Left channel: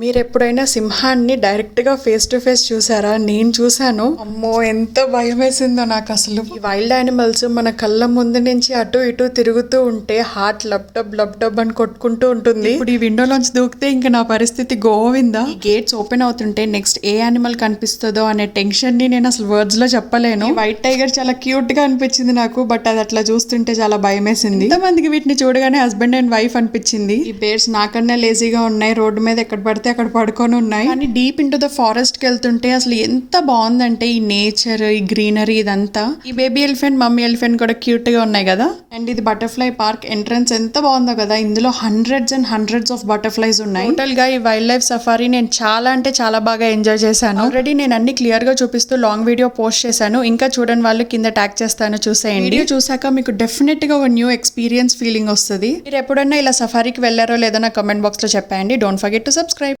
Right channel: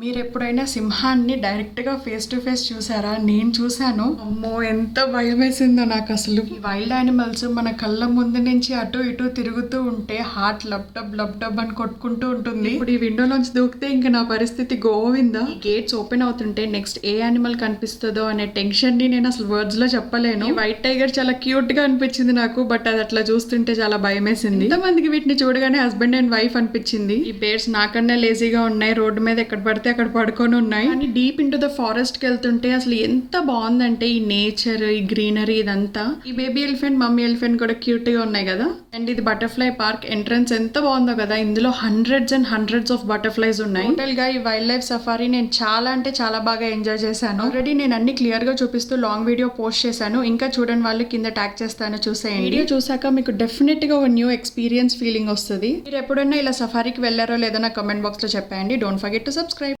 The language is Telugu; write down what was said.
మీరెప్పుడైనా సింహాన్ని డైరెక్ట్‌గా ఫేస్ టు ఫేస్ చూసారా? నేను చూసాను. అమ్మో! ఎంత భయమేసిందో నాకసలు. ఈ వైల్డ్ యానిమల్స్ మన కళ్ళ ముందు నుంచి అటు ఇటు తిరుగుతూ ఉంటే హార్ట్ లబ్ డబ్ అని కొట్టుకుంటూ ఉంటుంది. ఇప్పుడు ఈ విండోలోంచి దూకితే ఇంక నా పరిస్థితి గోవిందా. ఈ గేట్స్ ఓపెన్ అవుతుంటే నెక్స్ట్ ఏ యానిమల్ కనిపిస్తుందో అనే టెన్షన్ ని నేను అసలు వర్డ్స్ లో చెప్పలేను. వైట్ టైగర్ చాలా క్యూట్ గా అనిపించింది నాకు, బట్ అది అట్లా చూస్తుంటే చాలా భయమేసింది. ఎంతమందికి వీటిని చూడగానే హస్బెండ్ అండ్ వైఫ్ అనిపించింది. ఈ బేర్స్ నాకన్నా లేజీగా ఉన్నాయి, రోడ్డు మీద ఎక్కడ పడితే అక్కడ పడుకొని ఉన్నాయి. కానీ డీప్ ఇంటూ ద ఫారెస్ట్ కి వెళ్తుంటే అసలు ఎంత బాగుందంటే ఈ నేచర్, ఈ గ్రీనరీ, ఇదంతా. ఈ బేబీ ఎలిఫెంట్, మమ్మీ ఎలిఫెంట్ కూడా క్యూట్ గా ఉన్నాయి కదా. అండ్ ఇది బటర్ఫ్లై పార్క్ ఎంట్రన్స్ ఎంత బాగుందో కదా. ఇందులో hundreds and hundreds of butterflies ఉన్నాయి. టోటల్ గా ఈ వైల్డ్ లైఫ్ సఫారీ నేను చాలా అంటే చాలా బాగా ఎంజాయ్ చేశాను. ఆల్రెడీ నేను అన్ని క్లియర్ గా చూపిస్తూ లాంగ్ వీడియో పోస్ట్ చేశాను. ఇంకా చూడని వాళ్ళు కింద ట్యాగ్ చేస్తాను, చూసేయండి. వీడియో చూసాక మీకు డెఫినెట్ గా ఒక న్యూ ఎక్స్పీరియన్స్ ఫీలింగ్ వస్తుంది. మీరు ఎప్పుడన్నా ఇలా సఫారీకి వెళ్ళారో లేదో నా కమెంట్ బాక్స్ లో చెప్పండి. Don't forget to subscribe.